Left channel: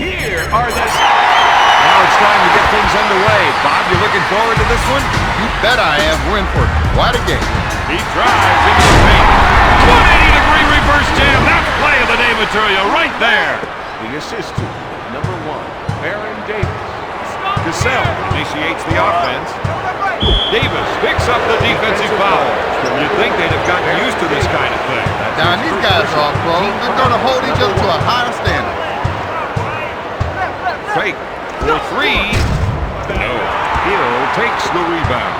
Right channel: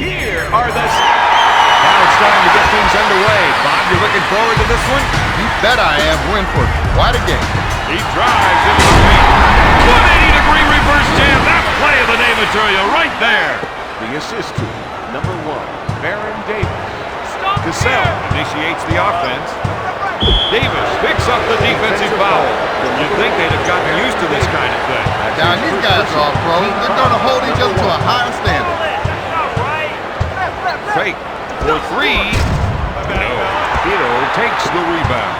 Here are the... Now it's time to get things underway. Bob, you looking forward to this one? You bet I am. We're in for quite a game. He drives into the paint. 180-degree reverse jam. That's play of the day material right there. The assist to number 1, Baron Davis. Cassell initiates the offense. Davis picks up the defensive foul. You'd think they'd have gotten used to this kind of thing. Now, these guys are all pros. They're going to hold each other to a higher standard. Fake for 3. No. Hito takes the rebound.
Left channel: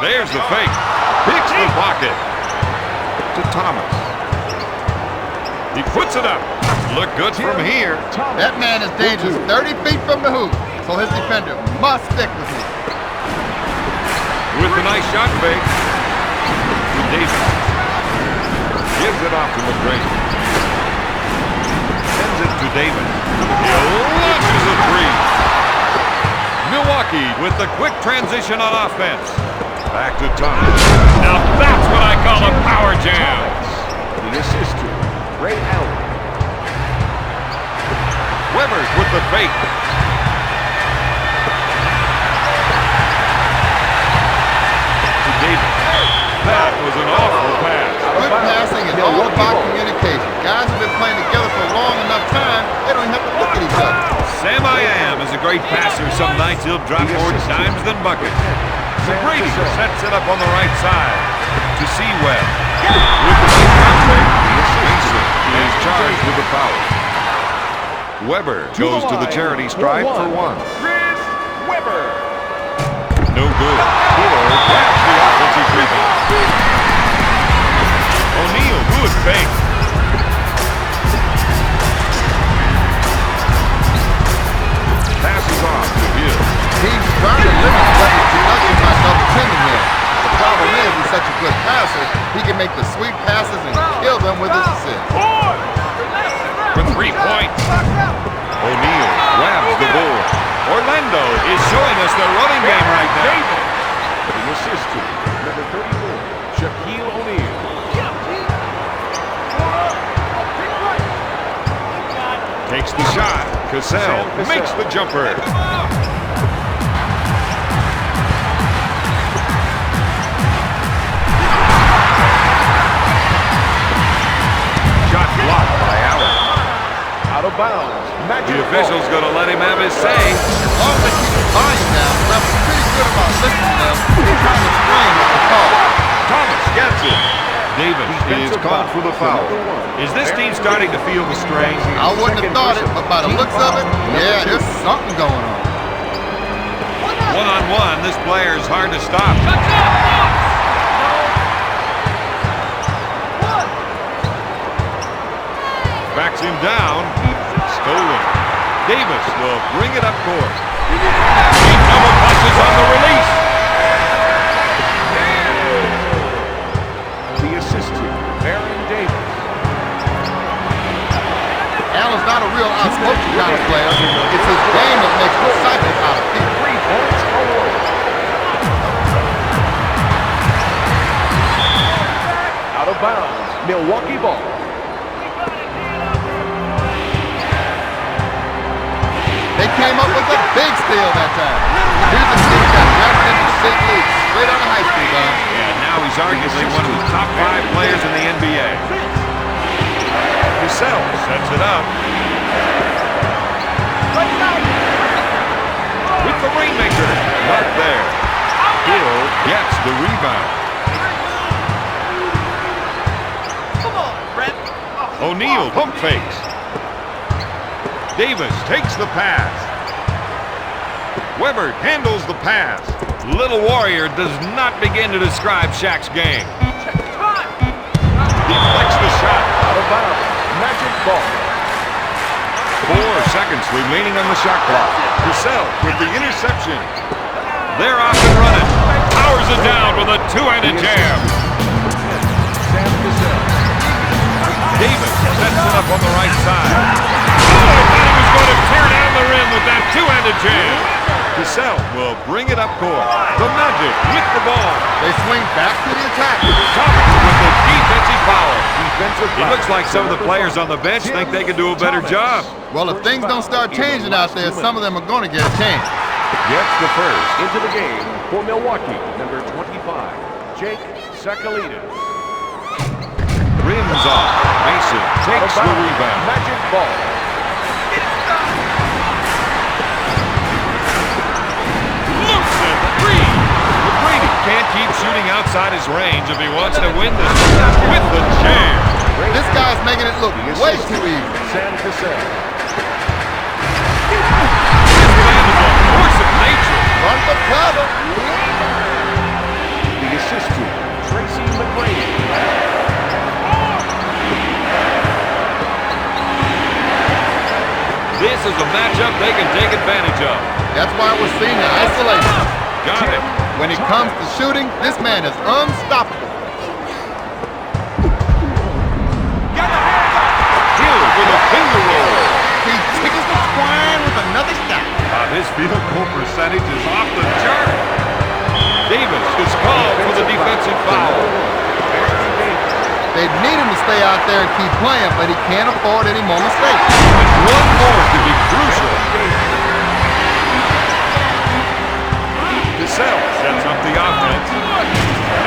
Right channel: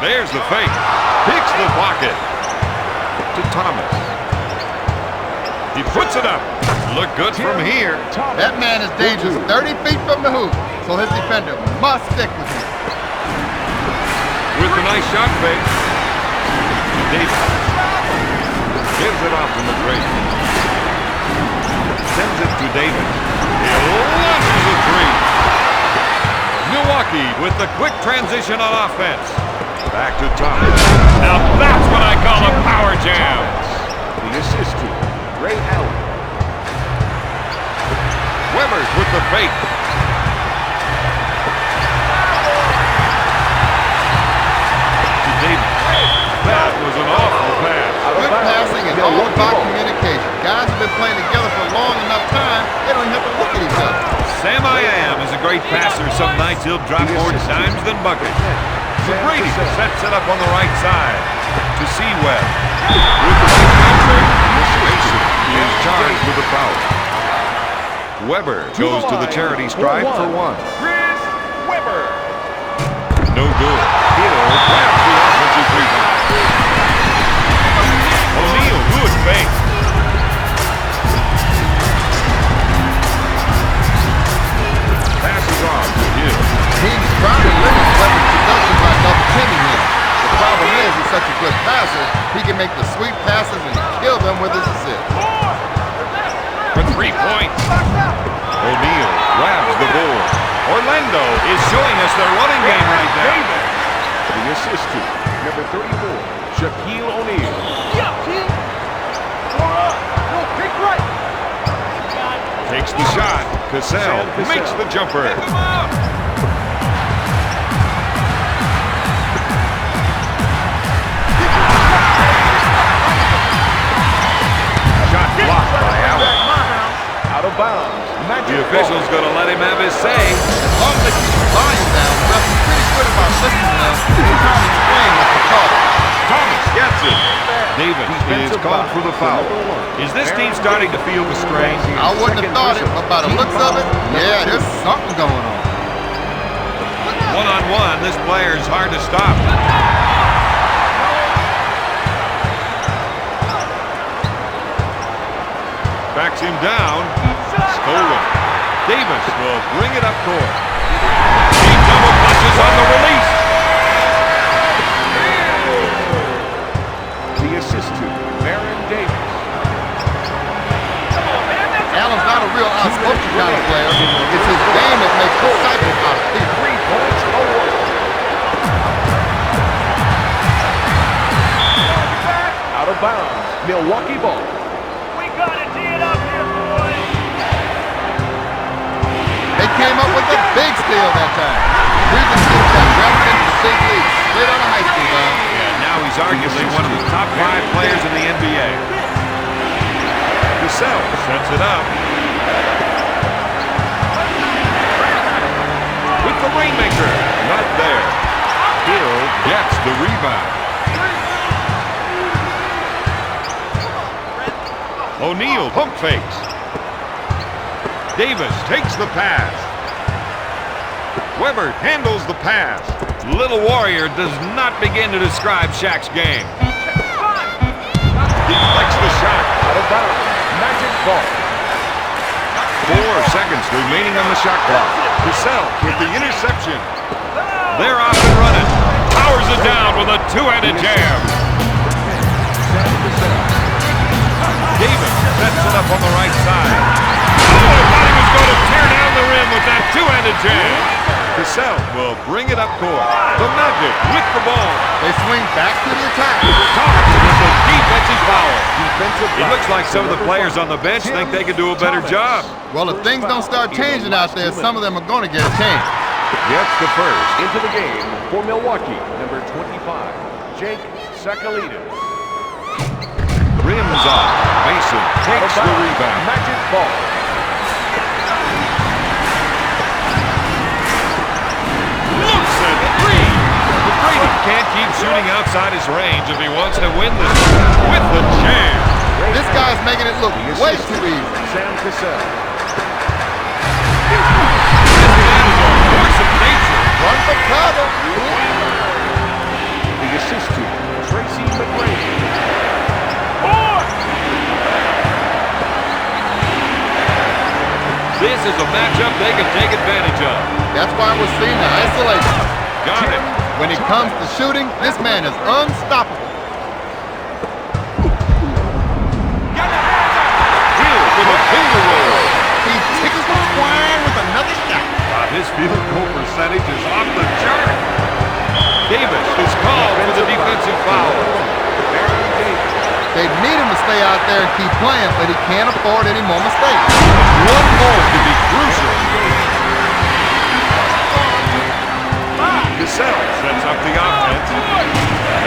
There's the fake. Picks the pocket to Thomas. He puts it up. Look good from here. That man is dangerous. 30 feet from the hoop. So his defender must stick with him. With the nice shot fake to Davis. Gives it off to McGrady. Sends it to Davis. He launches a 3. Milwaukee with the quick transition on offense. Back to Thomas. Now that's what I call a power jam. The assist to Ray Allen. Weber's with the fake. To Davis. That was an awful pass. Good passing is all about communication. Guys have been playing together for long enough time, they don't even have to look at each other. Sam I Am is a great passer. Some nights he'll drop more dimes than buckets. McGrady sets it up on the right side to Seaweb. With the nice contact, Mason is charged with a foul. Weber goes to the charity stripe for 1. Chris Weber. No good. Hito grabs the offensive rebound. O'Neal, good fake. Passes off to Hill. Teams trying to limit Weber's production by double-teaming him. The problem is he's such a good passer, he can make the sweet passes and kill them with his assists. For 3 points. O'Neal grabs the board. Orlando is showing us their running game right now. The assist to number 34, Shaquille O'Neal. Takes the shot. Cassell makes the jumper. Shot blocked by Allen. Out of bounds. The official's going to let him have his say. As long as they keep the volume down, the refs are pretty good about listening to them and trying to explain what they call. Thomas gets it. Davis is called for the foul. Is this team starting to feel the strain? I wouldn't have thought it, but by the looks of it, yeah, there's something going on. One-on-one, this player is hard to stop. Backs him down. Stolen. Davis will bring it up court. He double clutches on the release. The assist to Baron Davis. Allen's not a real outspoken kind of player. It's his game that makes disciples out of people. 3 points awarded. Out of bounds. Milwaukee ball. They came up with a big steal that time. Here's a kid that drafted into the big league straight out of high school, Don. Yeah, now he's arguably one of the top 5 players in the NBA. Cassell sets it up. With the rainmaker. Not there. Hill gets the rebound. O'Neal pump fakes. Davis takes the pass. Weber handles the pass. Little Warrior does not begin to describe Shaq's game. Deflects the shot. Out of bounds. Magic ball. 4 seconds remaining on the shot clock. Cassell with the interception. They're off and running. Powers it down with a 2-handed jam. Sam Cassell. Davis sets it up on the right side. Oh, I thought he was going to tear down the rim with that 2-handed jam. Cassell will bring it up court. The Magic with the ball. They swing back to the attack. Thomas with the defensive foul. Defensive It looks like some of the players on the bench think they could do a better job. Well, if things don't start changing out there, some of them are going to get a chance. Gets the first. Into the game for Milwaukee, number 25, Jake Sakalitis. Rims off. Mason takes the rebound. Magic ball. Looks at three. But Brady can't keep shooting outside his range if he wants to win this with the jam. This guy's making it look way too easy. Sam Cassell. This man is a force of nature. Run for cover. The assist to Tracy McGrady. This is a matchup they can take advantage of. That's why we're seeing the isolation. Got it. When it comes to shooting, this man is unstoppable. Hill with a finger roll. He tickles the twine with another shot. His field goal percentage is off the chart. Davis is called for the defensive foul. They need him to stay out there and keep playing, but he can't afford any more mistakes. One more could be crucial. Cassell sets up the offense.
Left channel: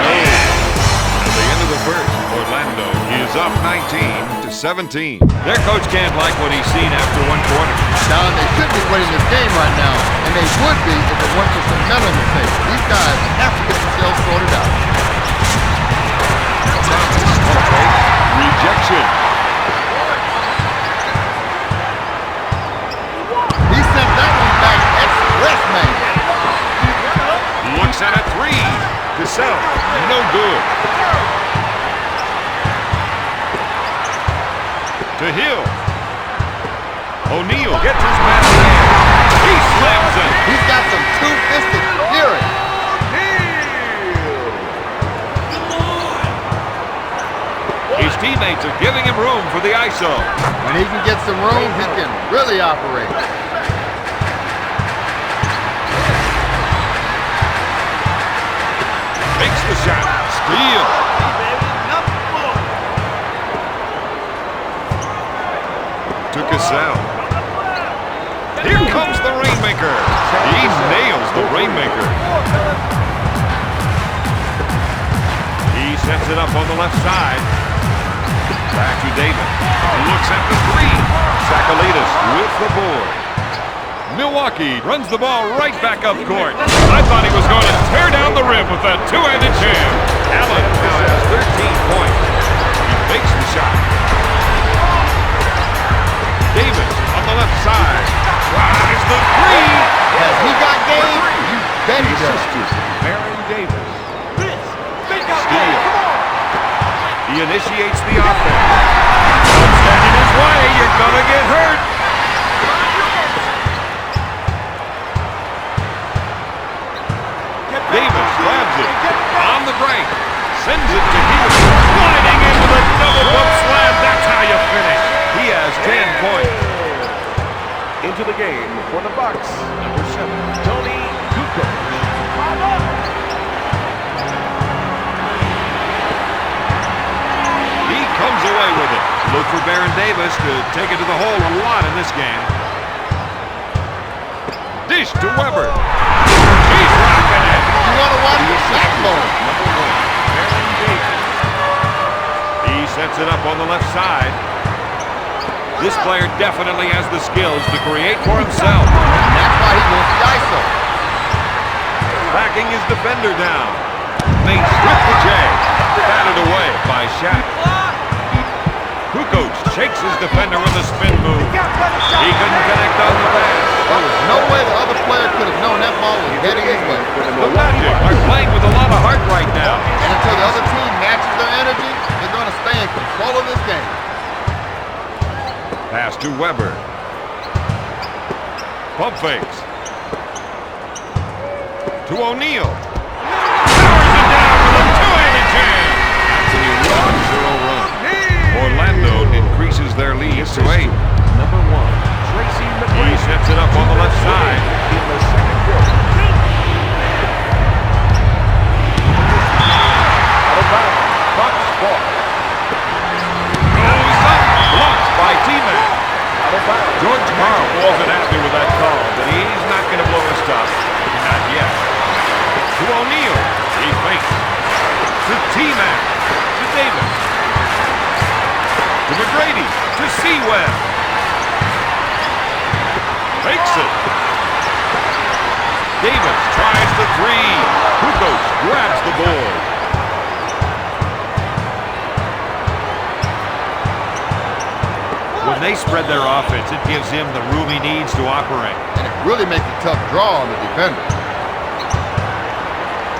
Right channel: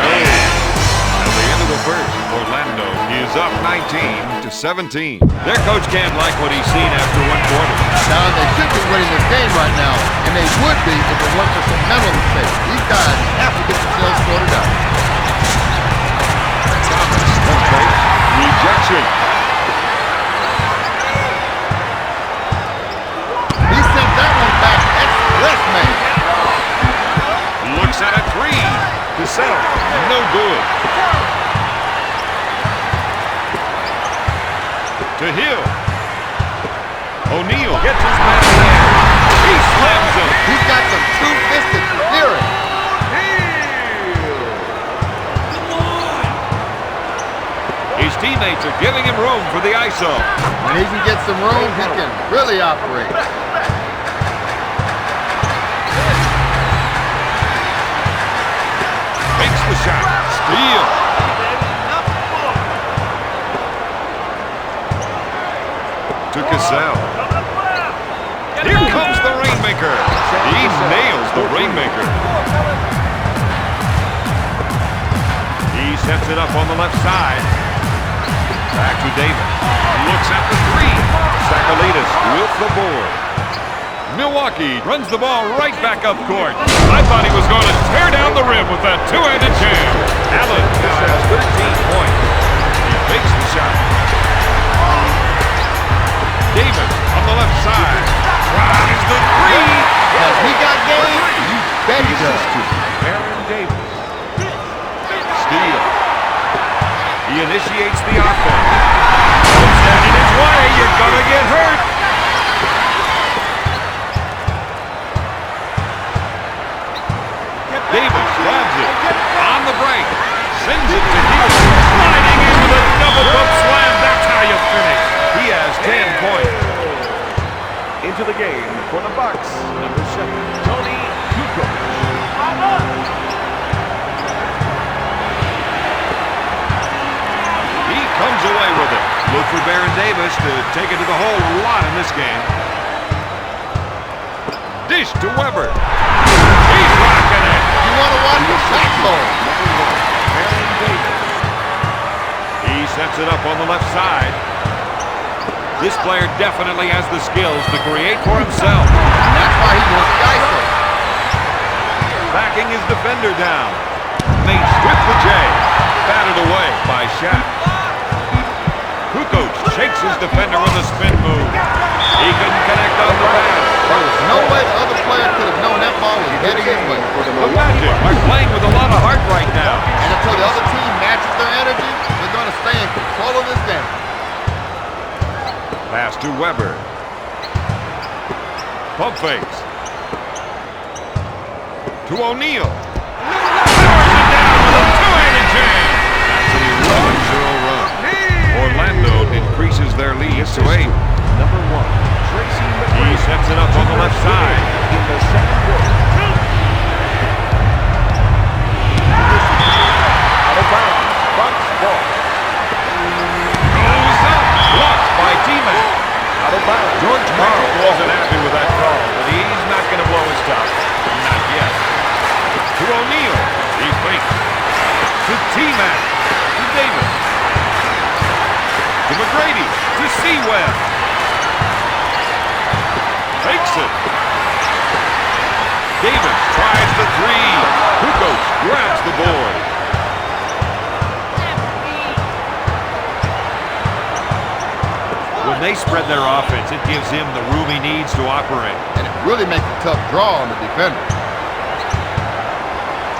No. At the end of the first, Orlando is up 19-17. Their coach can't like what he's seen after one quarter. Don, they should be winning this game right now, and they would be if it weren't for some mental mistakes. These guys have to get themselves sorted out. Thomas, pump fake, rejection. He sent that one back express, man. Looks at a three. Cassell, no good. To Hill. O'Neal gets his man there. He slams it. He's got some two-fisted fury. His teammates are giving him room for the ISO. When he can get some room, he can really operate. Makes the shot. Steal. To Cassell. Here comes the Rainmaker. He nails the Rainmaker. He sets it up on the left side. Back to Davis. Looks at the three. Sakalitis with the board. Milwaukee runs the ball right back up court. I thought he was going to tear down the rim with that two-handed jam. Allen now has 13 points. He fakes the shot. Davis on the left side. Tries the three. Has he got game? You bet he does. Baron Davis. Steal. He initiates the offense. Don't stand in his way. You're going to get hurt. Davis grabs it on the break, sends it to Hill, sliding in with a double bump slam. That's how you finish. He has 10 points. Into the game for the Bucks, number 7, Tony Kukoc. He comes away with it. Look for Baron Davis to take it to the hole a lot in this game. Dish to Weber. He's rocking it. You want to watch the backbone. Number 1, Baron Davis. He sets it up on the left side. This player definitely has the skills to create for himself. And that's why he wants the ISO. Backing his defender down. Mace with the J. Batted away by Shaq. Kukoc shakes his defender with a spin move. He couldn't connect on the pass. There was no way the other player could have known that ball was heading his way. The Magic are playing with a lot of heart right now. And until the other team matches their energy, they're going to stay in control of this game. Pass to Weber. Pump fakes. To O'Neal. Powers it down with a two-handed jam. That's an 11-0 run. Orlando increases their lead to 8. Number 1, Tracy McGrady. He sets it up on the left side. In the second quarter. Out of bounds. Bucks ball. by T-Mac. Out of bounds. George Carl wasn't happy with that call, but he's not going to blow his top. Not yet. To O'Neal. He fakes. To T-Mac. To Davis. To McGrady. To Seaweb. Fakes it. Davis tries the three. Kukoc grabs the board. When they spread their offense, it gives him the room he needs to operate. And it really makes a tough draw on the defender.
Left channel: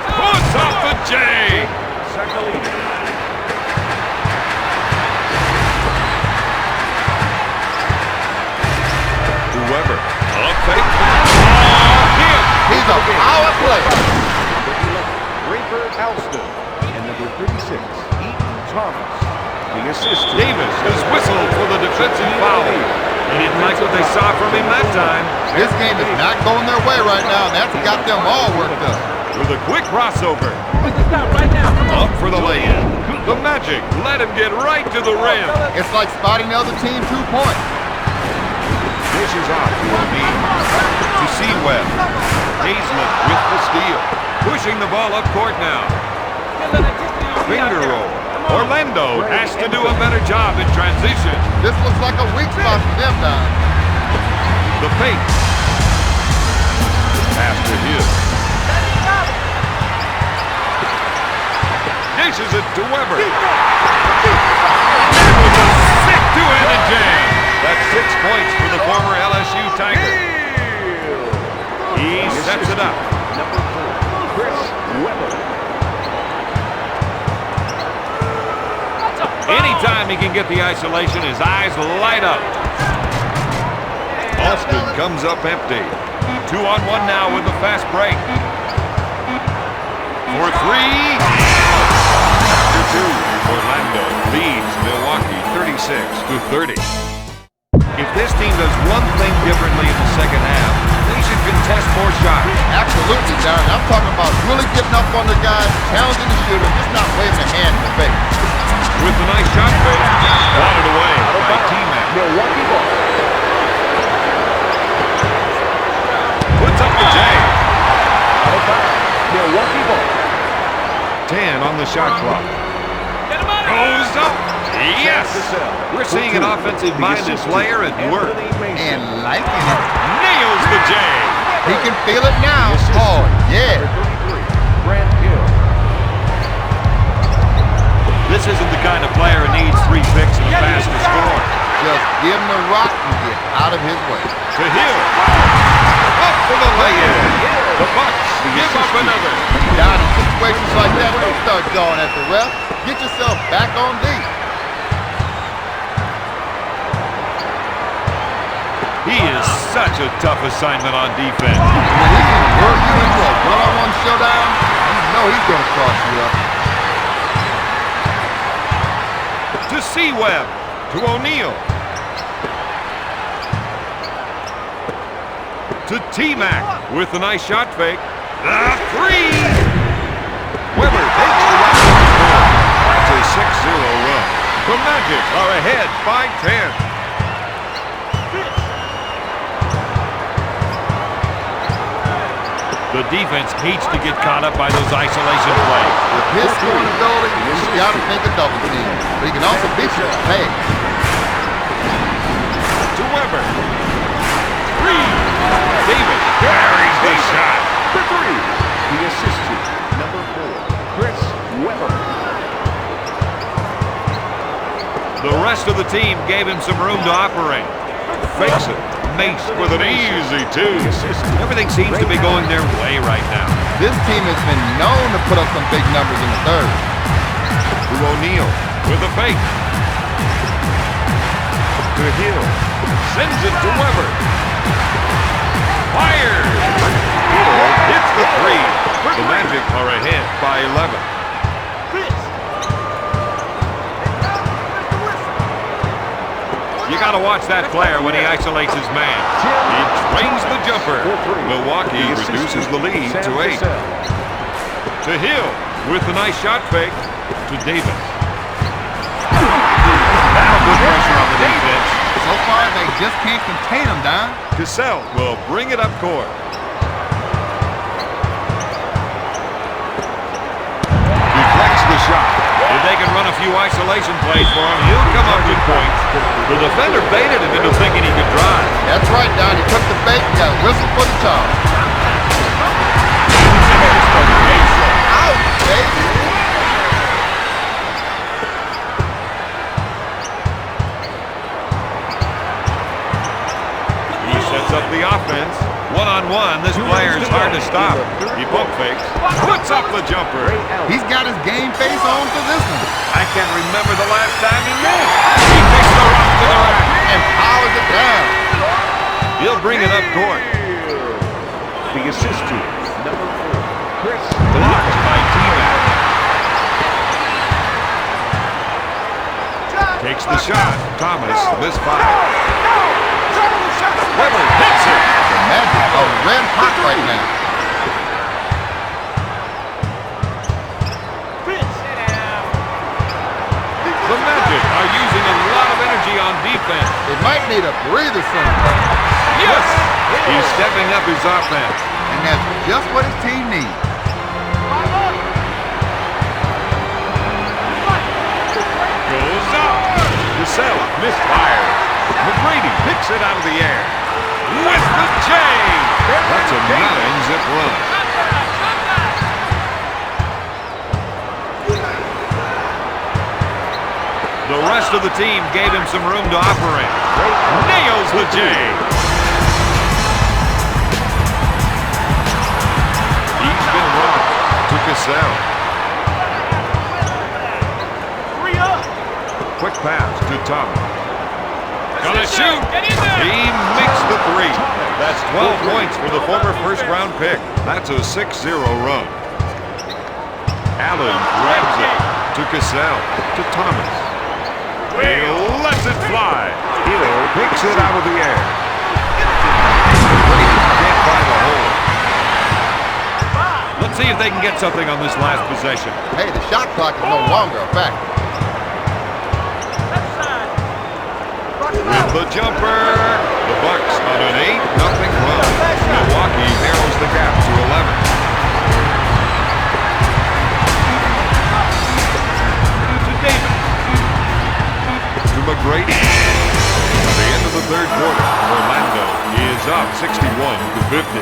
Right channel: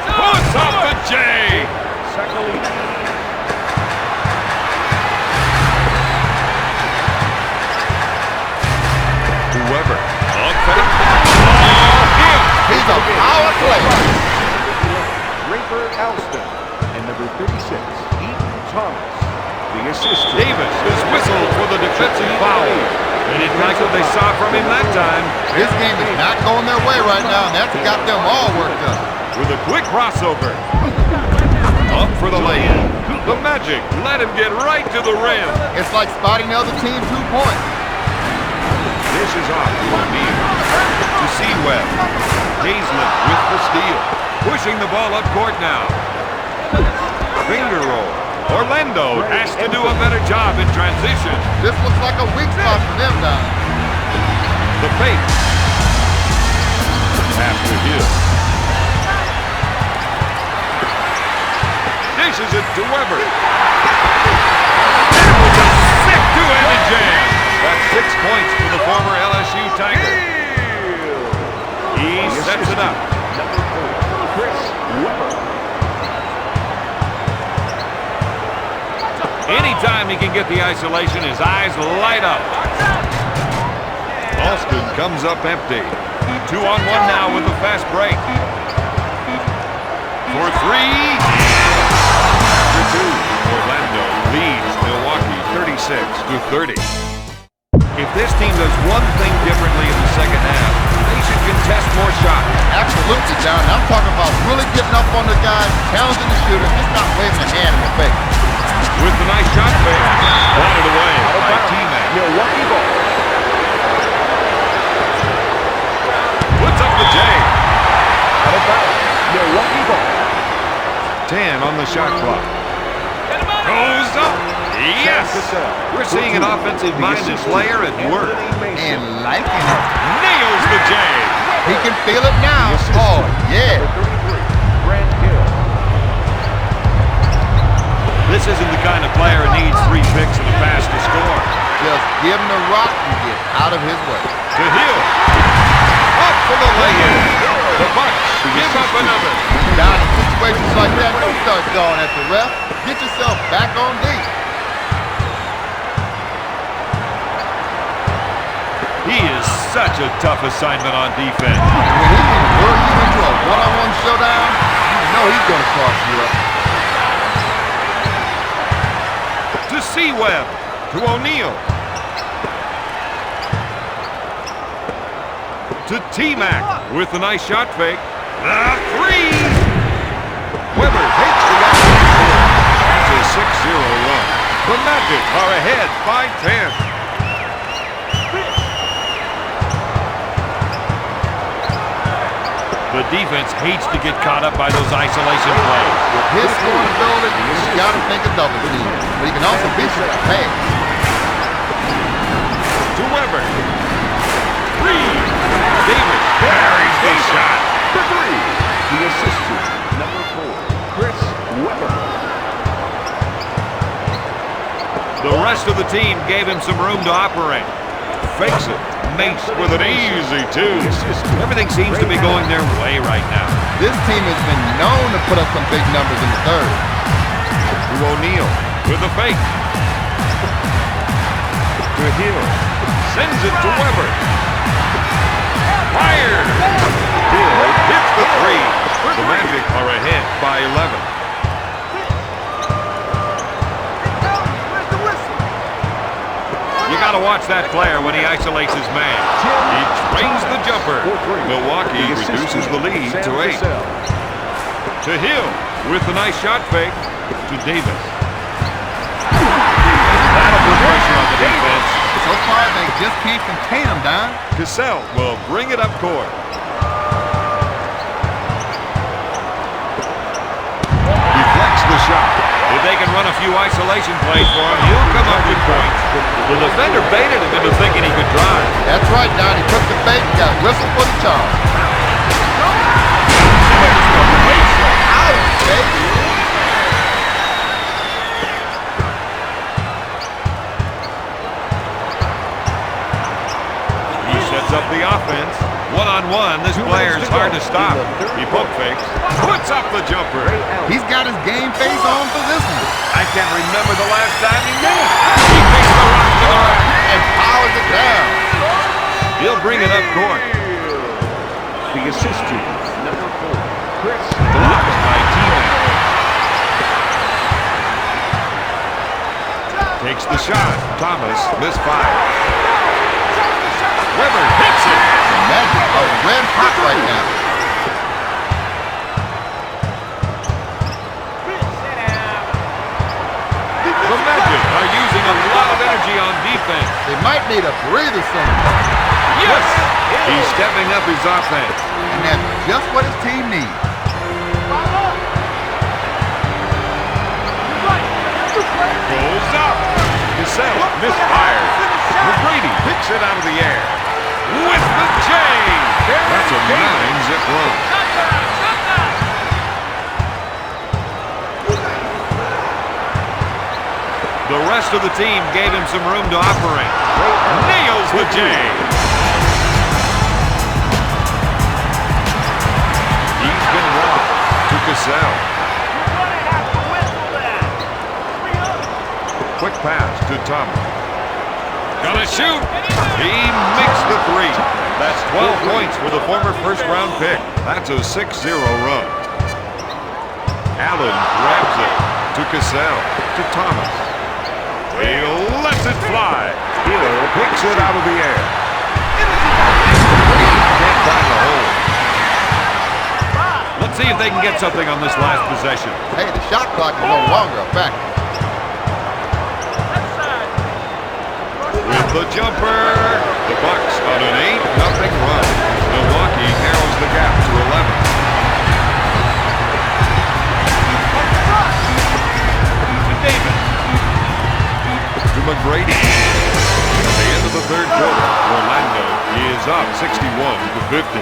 Puts up the J. Sakalina. To Weber. Up fake. Oh, him. He's a power player. Number 11, Rafer Alston. And number 36, Eaton Thomas. The assist. Davis is whistled for the defensive foul. They didn't like what they saw from him that time. This game is not going their way right now, and that's got them all worked up. With a quick crossover. Up for the lay-in. The Magic let him get right to the rim. It's like spotting the other team 2 points. Dishes off to O'Neal. To Seaweb. Hazlett with the steal. Pushing the ball up court now. Finger roll. Orlando has to do a better job in transition. This looks like a weak spot for them, Don. The fake. Pass to Hill. Dishes it to Weber. That was a sick two-handed jam. That's 6 points for the former LSU Tiger. He sets it up. Number 4, Chris Weber. Anytime he can get the isolation, his eyes light up. Austin comes up empty. 2-on-1 now with the fast break. For three. After two, Orlando leads Milwaukee 36-30. If this team does one thing differently in the second half, they should contest more shots. Absolutely, Don. I'm talking about really getting up on the guy, challenging the shooter, just not waving a hand in the face. With the nice shot fake, swatted away by T-Mac. Milwaukee ball. Puts up the J. Out of bounds. Milwaukee ball. 10 on the shot clock. Goes up. Yes! We're seeing an offensive-minded player at work. And liking it. Nails the J. He can feel it now. Oh, yeah. Number 33, Grant Hill. This isn't the kind of player who needs 3 picks and a pass to score. Just give him the rock and get out of his way. To Hill. Up for the lay-in. The Bucks give up another. Down in situations like that, don't start going at the ref. Get yourself back on deep. He is such a tough assignment on defense. And when he can lure you into a one-on-one showdown, you know he's going to cross you up. To Seaweb. To O'Neal. To T-Mac with a nice shot fake. The three. Weber takes the offensive board. That's a 6-0 run. The Magic are ahead by 10. The defense hates to get caught up by those isolation plays. With his scoring ability, he's got to think a double team. But he can also beat you with a pass. To Weber. Three. Davis carries the shot. For 3, the assistant, number 4, Chris Weber. The rest of the team gave him some room to operate. Fakes it. Mace with an easy 2. Everything seems to be going their way right now. This team has been known to put up some big numbers in the third. To O'Neal with a fake. To Hill. Sends it to Weber. Fires. Hill hits the 3. The Magic are ahead by 11. You got to watch that player when he isolates his man. He drains the jumper. Milwaukee reduces the lead to 8. To Hill with a nice shot fake to Davis. That'll put pressure on the defense. So far, they just can't contain him, Don. Cassell will bring it up court. Deflects the shot. If they can run a few isolation plays for him, he'll come up with points. The defender baited him into thinking he could drive. That's right, Don. He took the bait and got whistled for the charge. There's the baseline. Out, baby. He sets up the offense. One-on-one, this player's hard to stop. He pump fakes, puts up the jumper. He's got his game face on for this one. I can't remember the last time he missed. He takes the rock to the rack And powers it down. He'll bring it up court. The assist to number 4, Chris. Blocked by T-Mac. Takes the shot. Thomas misfires. Weber hits it. The Magic are red hot right now. The Magic are using a lot of energy on defense. They might need a breather soon. Yes! He's stepping up his offense. And that's just what his team needs. Goes up. Cassell misfires. McGrady picks it out of the air. With the J! That's a 9-zip run. The rest of the team gave him some room to operate. Nails the J! He's been robbed to Cassell. Quick pass to Thomas. Gonna shoot! He makes the three. That's 12 points for the former first-round pick. That's a 6-0 run. Allen grabs it to Cassell, to Thomas. He lets it fly. Hill picks it out of the air. Can't find the hole. Let's see if they can get something on this last possession. Hey, the shot clock is no longer a factor. With the jumper, the Bucks on an 8-0 run. Milwaukee narrows the gap to 11. To Davis. To McGrady. At the end of the third quarter, Orlando is up 61-50.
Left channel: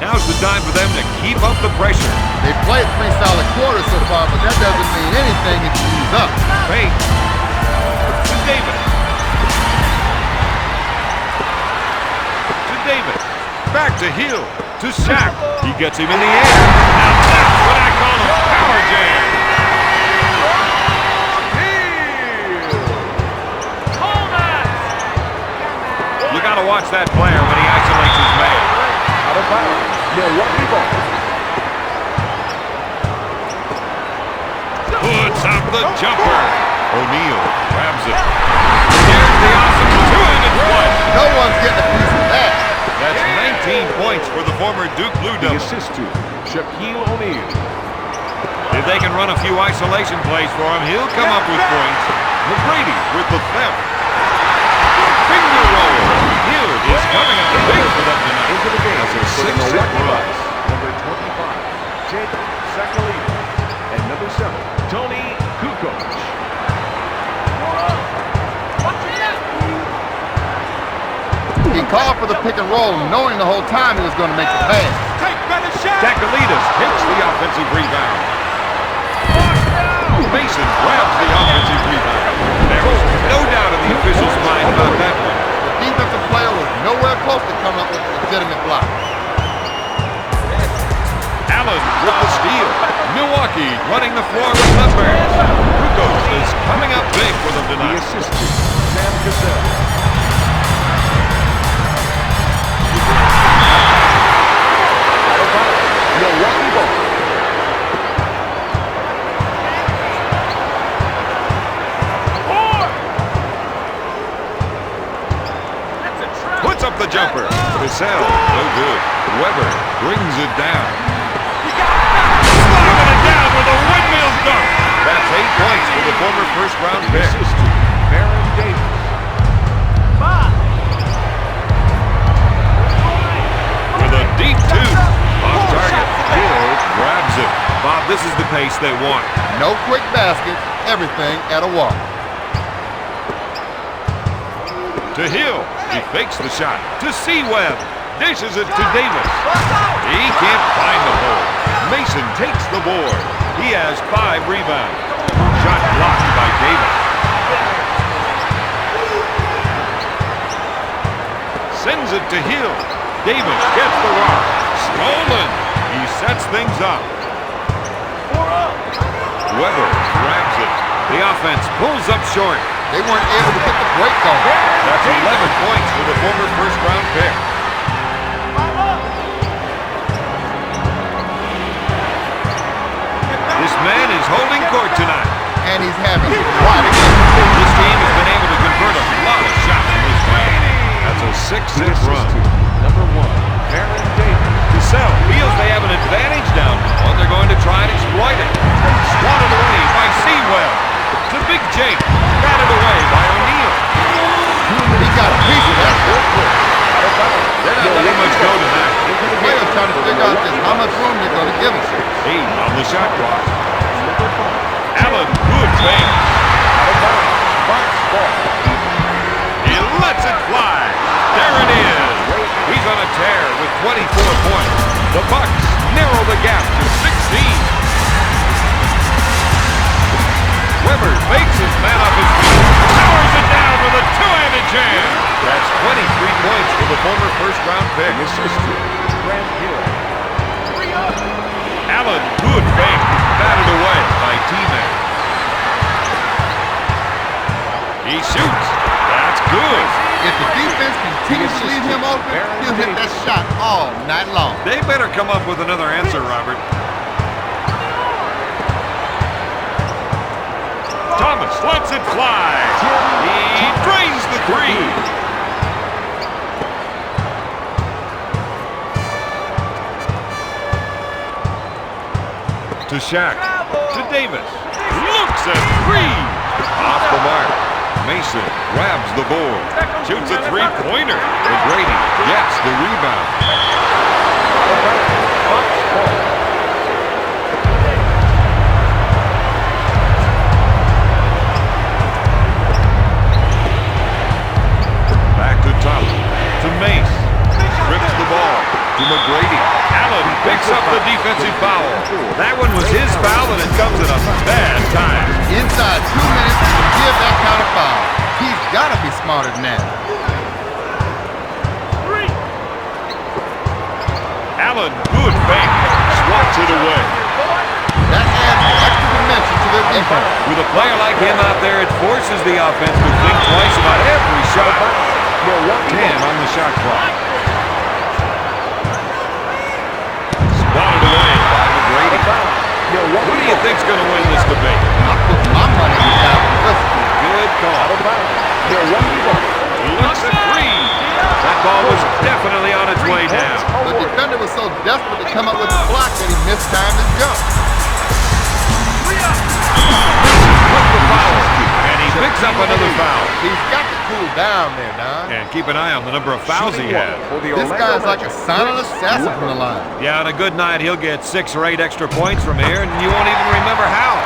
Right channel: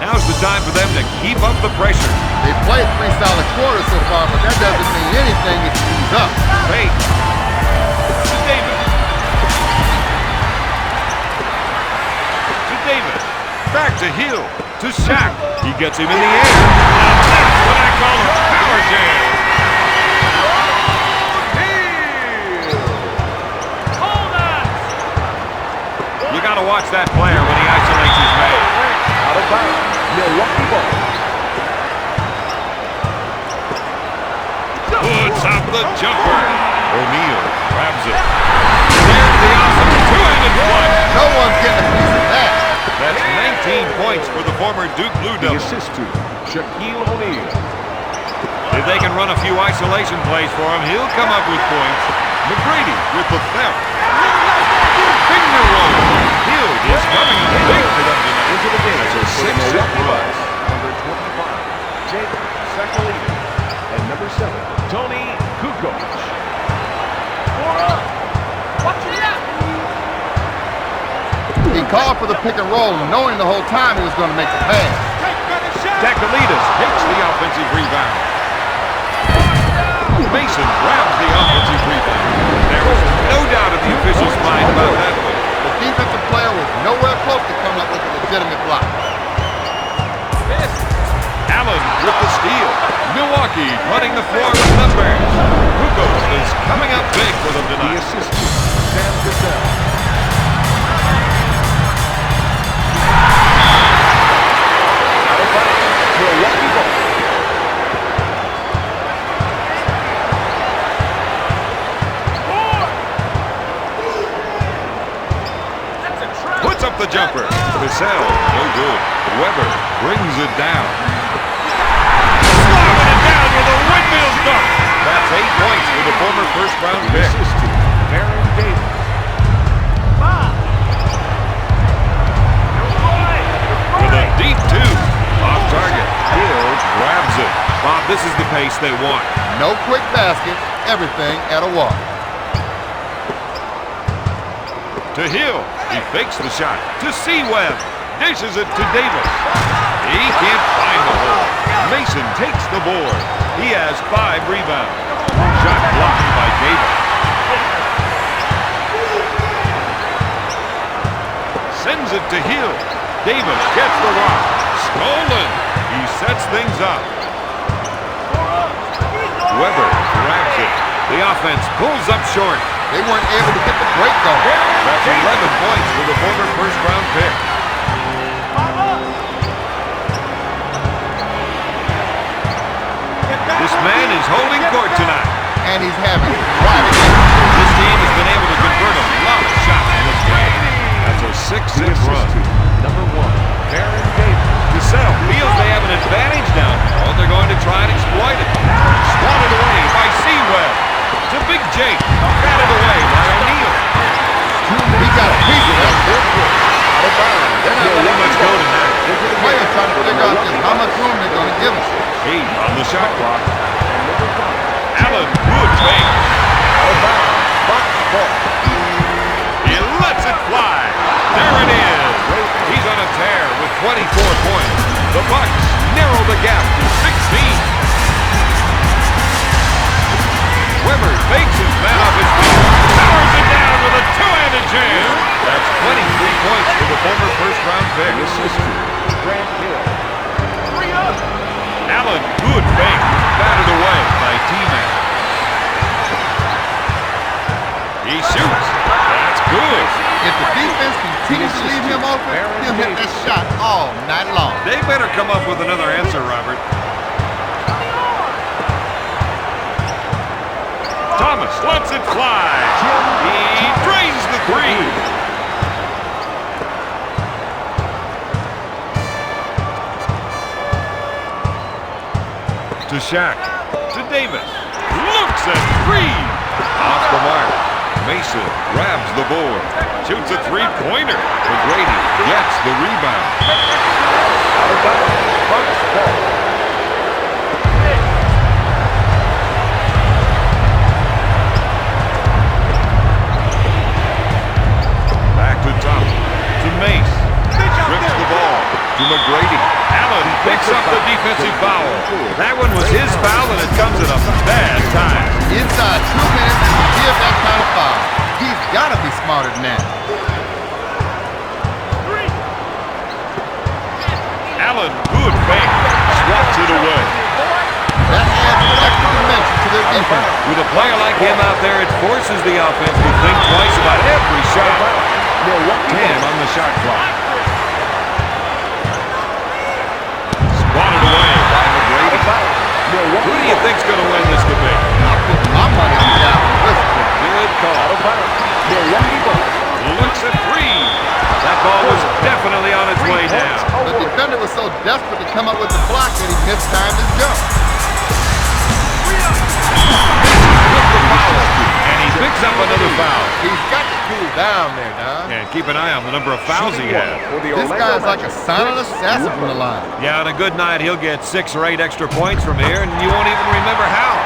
Now's the time for them to keep up the pressure. They've played 3 solid quarters so far, but that doesn't mean anything if you ease up. Fake. To Davis. Davis, back to Hill, to Shaq. He gets him in the air. Now that's what I call a power jam. You got to watch that player when he isolates his man. Out of bounds, Milwaukee ball. Puts up the jumper. O'Neal grabs it. There's the awesome two-handed flush. No one's getting a piece of that. That's 19 points for the former Duke Blue The Devil. assist to Shaquille O'Neal. If they can run a few isolation plays for him, he'll come up with points. McGrady with the theft. Finger roll. Hill is coming up big for them tonight. Into the game That's a for the 6-0 Milwaukee run. Bucks. Number 25, Jake Sakalides. And number 7, Tony Kukoc. He called for the pick and roll, knowing the whole time he was going to make the pass. Sakalides takes the offensive rebound. Mason grabs the offensive rebound. There was no doubt in the official's mind about that one. The defensive player was nowhere close to coming up with a legitimate block. Allen with the steal. Milwaukee running the floor with numbers. Kukoc is coming up big for them The tonight. assist to Sam Cassell. Out of bounds, Milwaukee ball. Puts up the jumper. Cassell, no good. Weber brings it down. Slamming it down with a windmill dunk. That's 8 points for the former first-round The pick. assist to Davis. With a deep two. Off target. Hill grabs it. Bob, this is the pace they want. No quick baskets, everything at a walk. To Hill. He fakes the shot. To Webb. Dishes it to Davis. He can't find the hole. Mason takes the board. He has 5 rebounds. Shot blocked by Davis. Sends it to Hill. Davis gets the rock. Stolen. He sets things up. Weber grabs it. The offense pulls up short. They weren't able to get the break going. That's 11 points for the former first-round pick. This man is holding court tonight. And he's having quite a game. This team has been able to convert a lot of shots in this game. That's a 6-6 run. Number 1, Baron Davis. Cassell feels they have an advantage down low, and they're going to try and exploit it. Swatted away by Webb. To Big Jake. Batted away by O'Neal. He got a piece of that. Out of bounds. They're not letting much go tonight. The players trying to figure out just how much room they're going to give him. 8 on the shot clock. And number 5. Allen, good fake. Out of bounds. Box ball. He lets it fly. There it is. He's on a tear with 24 points. The Bucks narrow the gap to 16. Weber fakes his man off his feet. Powers it down with a two-handed jam. That's 23 points for the former first-round pick. The assist to Grant Hill. Allen, good fake. Batted away by T-Mac. He shoots. That's good. If the defense continues to leave him open, he'll hit that shot all night long. They better come up with another answer, Robert. Thomas lets it fly. He drains the 3. To Shaq. To Davis. Looks at 3. Off the mark. Mason grabs the board. Shoots a 3-pointer. McGrady gets the rebound. Out of bounds. Box ball. Back to Thompson. To Mace. Strips the ball. To McGrady. Allen picks up the defensive foul. That one was his foul, and it comes at a bad time. Inside 2 minutes, he can give that kind of foul. He's got to be smarter than that. Allen, good fake. Swats it away. That adds an extra dimension to their defense. With a player like him out there, it forces the offense to think twice about every shot. 10 on the shot clock. Swatted away by McGrady. Who do you think's going to win this debate? I put my money on the guy with the whistle. Good call. Milwaukee ball. Looks at 3. That ball was definitely on its way down. The defender was so desperate to come up with the block that he mistimed his jump. With the foul, and he picks up another foul. He's got to cool down there, Don. And keep an eye on the number of fouls he has. This guy's like a silent assassin from the line. Yeah, on a good night, he'll get 6 or 8 extra points from here, and you won't even remember how.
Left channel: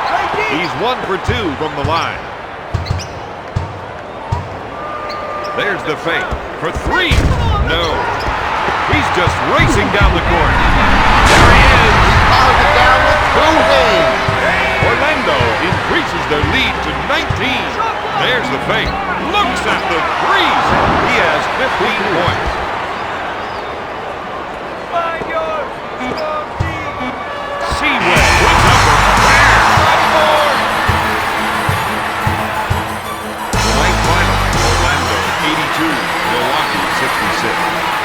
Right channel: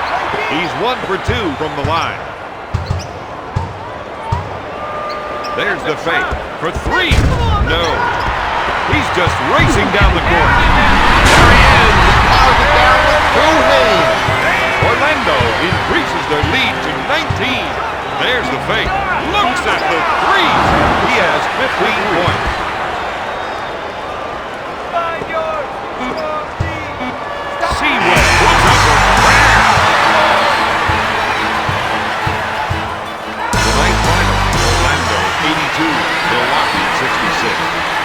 He's 1 for 2 from the line. There's the fake for 3. No. He's just racing down the court. There he is. He powers it down with 2 hands. Orlando increases their lead to 19. There's the fake. Looks at the 3. He has 15 points. Webb puts up a prayer. The ninth final, Orlando 82, Milwaukee 66.